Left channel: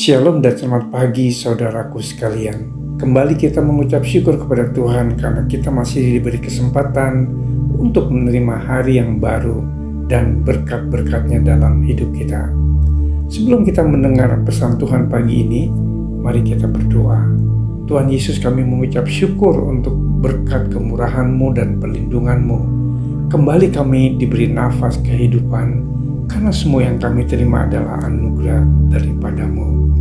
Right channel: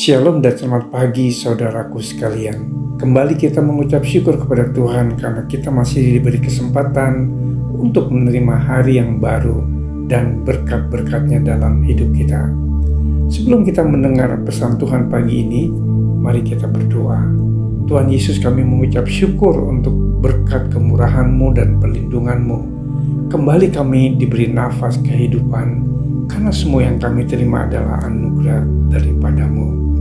Shalom dan selamat pagi saudaraku sekalian. Kembali kita mengucap syukur kepada Tuhan karena kita masih diberi kesempatan untuk menerima hari yang baru dan berkat-berkatnya dalam hidup kita. Sebelum kita mendengar pesan Tuhan pagi ini, mari kita berdoa. Tuhan Yesus, kami mengucap syukur untuk berkat kemurahan-Mu dan perlindungan-Mu. Kembali kami diberi nafas kehidupan karena semua yang kami terima adalah anugerah daripada-Mu.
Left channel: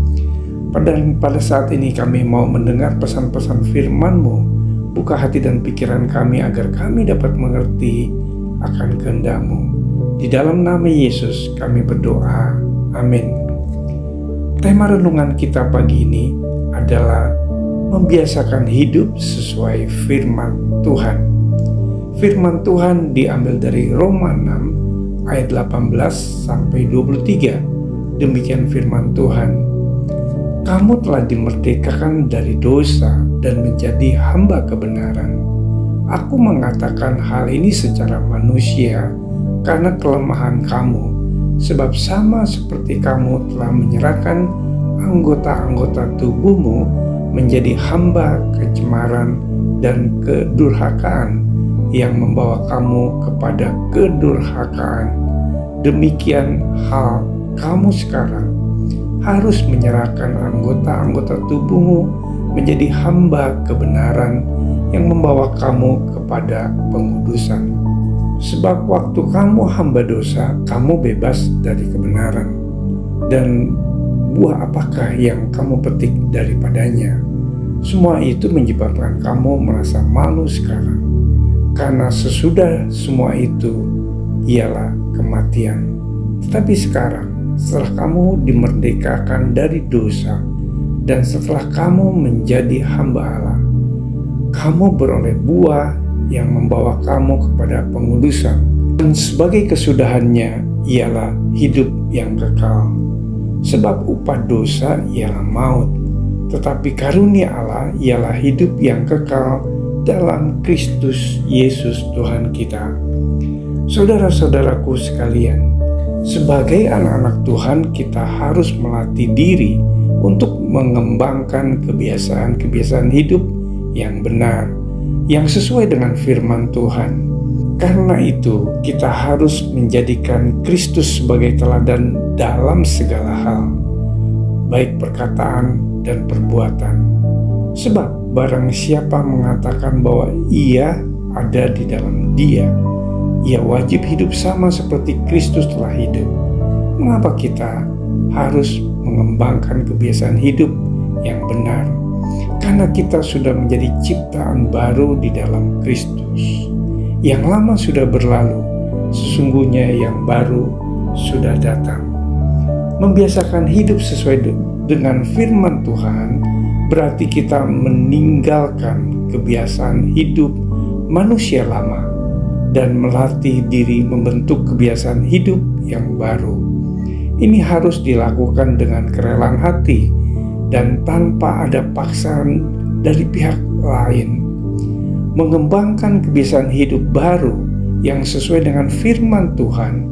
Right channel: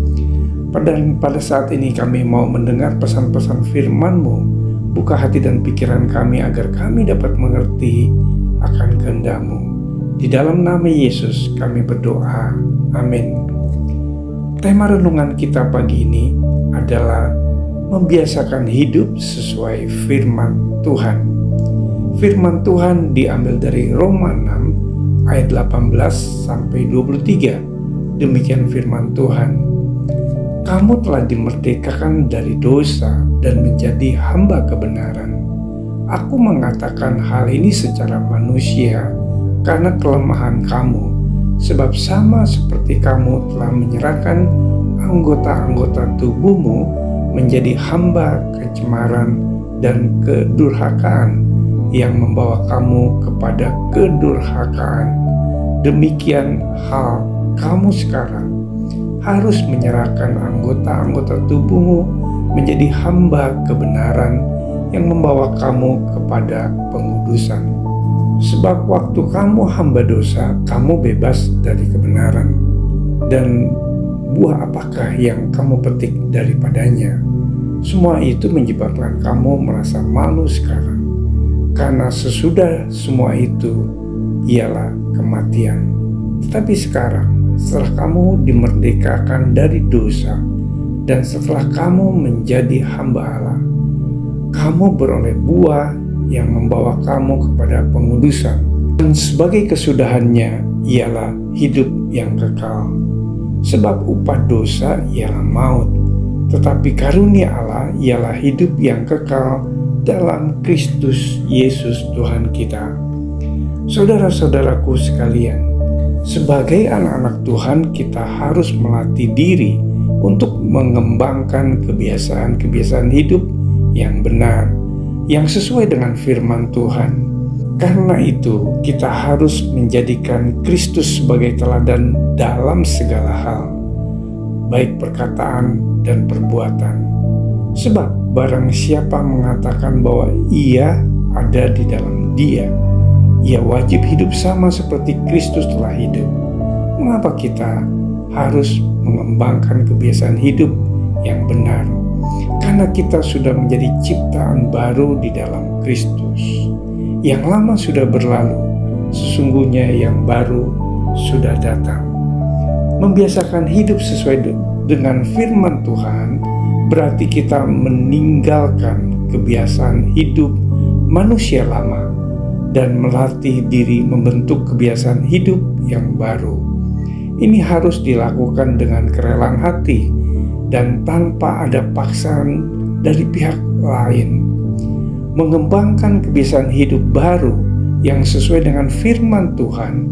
Pada saat ini kami mau mendengar pesan-pesan firman-Mu. Buka hati dan pikiran kami agar kami dapat mengerti akan kehendak-Mu. Di dalam nama Yesus kami berdoa. Amin. Tema renungan kita pagi ini adalah membiasakan hidup sesuai firman Tuhan. Firman Tuhan diambil dari Roma 6 ayat 18 sampai 23. Demikian firman Tuhan. Kamu telah dimerdekakan dari dosa dan menjadi hamba kebenaran. Aku mengatakan hal ini secara manusia karena kelemahan kamu, sebab sama seperti kamu telah menyerahkan anggota-anggota tubuhmu menjadi hamba kecemaran dan kedurhakaan yang membawa kamu kepada kedurhakaan. Demikian hal kamu sekarang harus menyerahkan anggota-anggota tubuhmu menjadi hamba kebenaran yang membawa kamu kepada pengudusan. Sebab waktu kamu hamba dosa, kamu bebas dari kebenaran. Dan buah apakah yang kamu petik daripadanya? Semua itu menyebabkan kamu merasa malu sekarang. Karena sesudah semua itu ialah kematian. Tetapi sekarang, setelah kamu dimerdekakan dari dosa dan setelah kamu menjadi hamba Allah, kamu beroleh buah yang membawa kamu kepada pengudusan. Dan sebagai kesudahannya ialah hidup yang kekal. Sebab upah dosa ialah maut, tetapi karunia Allah ialah hidup yang kekal dalam Kristus Yesus Tuhan kita. Saudara-saudaraku sekalian, sebagai anak-anak Tuhan, kita harus melatih diri untuk mengembangkan kebiasaan-kebiasaan hidup yang benar, yang sesuai dengan firman Tuhan. Karena itu, kita harus menjadikan Kristus sebagai teladan dalam segala hal, baik perkataan dan perbuatan. Sebab barang siapa mengatakan bahwa ia ada di dalam Dia, ia wajib hidup sama seperti Kristus telah hidup. Mengapa kita harus mengembangkan kebiasaan hidup yang benar? Karena kita sudah menjadi ciptaan baru di dalam Kristus. Yang lama sudah berlalu, sesungguhnya yang baru sudah datang. Membiasakan hidup sesuai dengan firman Tuhan berarti kita meninggalkan kebiasaan hidup manusia lama dan melatih diri membentuk kebiasaan hidup yang baru. Ini harus dilakukan dengan kerelaan hati dan tanpa ada paksaan dari pihak lain. Mengembangkan kebiasaan hidup baru yang sesuai dengan firman Tuhan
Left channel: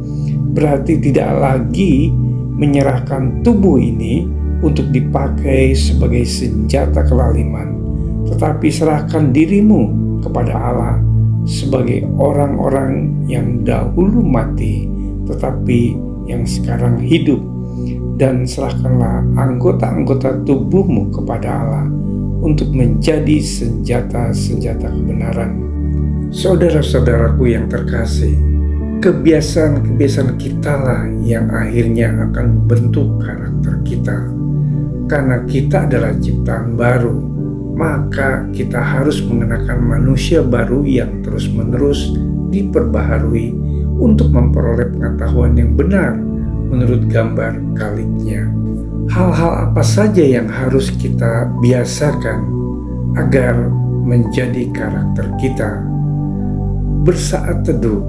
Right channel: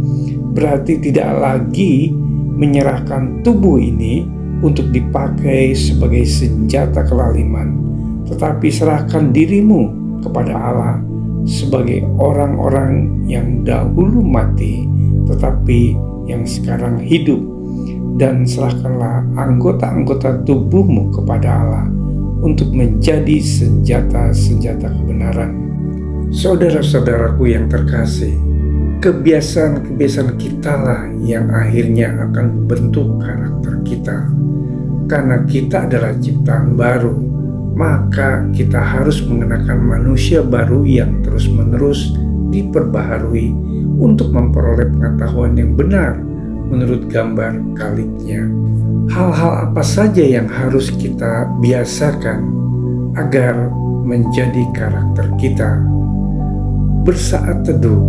berarti tidak lagi menyerahkan tubuh ini untuk dipakai sebagai senjata kelaliman, tetapi serahkan dirimu kepada Allah sebagai orang-orang yang dahulu mati tetapi yang sekarang hidup, dan serahkanlah anggota-anggota tubuhmu kepada Allah untuk menjadi senjata-senjata kebenaran. Saudara-saudaraku yang terkasih, kebiasaan-kebiasaan kitalah yang akhirnya akan membentuk karakter kita. Karena kita adalah ciptaan baru, maka kita harus mengenakan manusia baru yang terus-menerus diperbaharui untuk memperoleh pengetahuan yang benar menurut gambar Kaliknya. Hal-hal apa saja yang harus kita biasakan agar menjadi karakter kita? Bersaat teduh,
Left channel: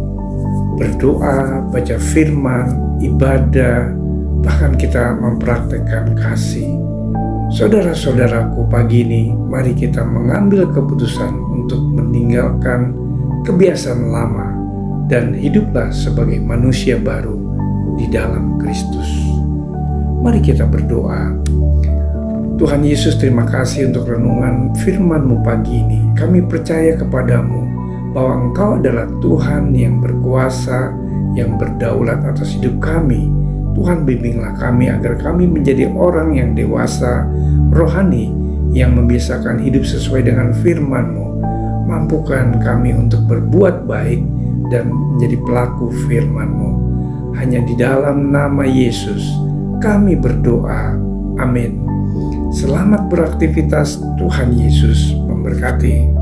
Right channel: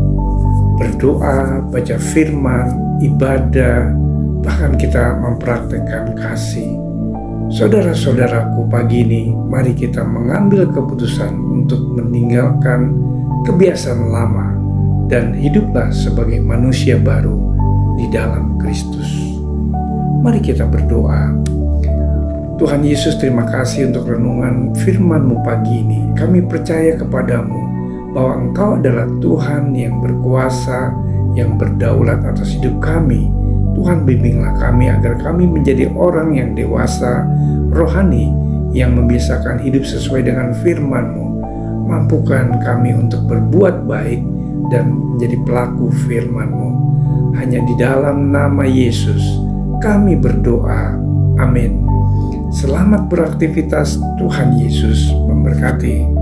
berdoa, baca firman, ibadah, bahkan kita mempraktekkan kasih. Saudara-saudaraku, pagi ini mari kita mengambil keputusan untuk meninggalkan kebiasaan lama dan hiduplah sebagai manusia baru di dalam Kristus. Mari kita berdoa. Tuhan Yesus, terima kasih untuk renungan firman-Mu pagi ini. Kami percaya kepadamu bahwa Engkau adalah Tuhan yang berkuasa, yang berdaulat atas hidup kami. Tuhan, bimbinglah kami agar kami menjadi orang yang dewasa, rohani, yang membiasakan hidup sesuai dengan firman-Mu. Mampukan kami untuk berbuat baik dan menjadi pelaku firman-Mu. Hanya di dalam nama Yesus kami berdoa. Amin. Selamat beraktivitas. Tuhan Yesus memberkati.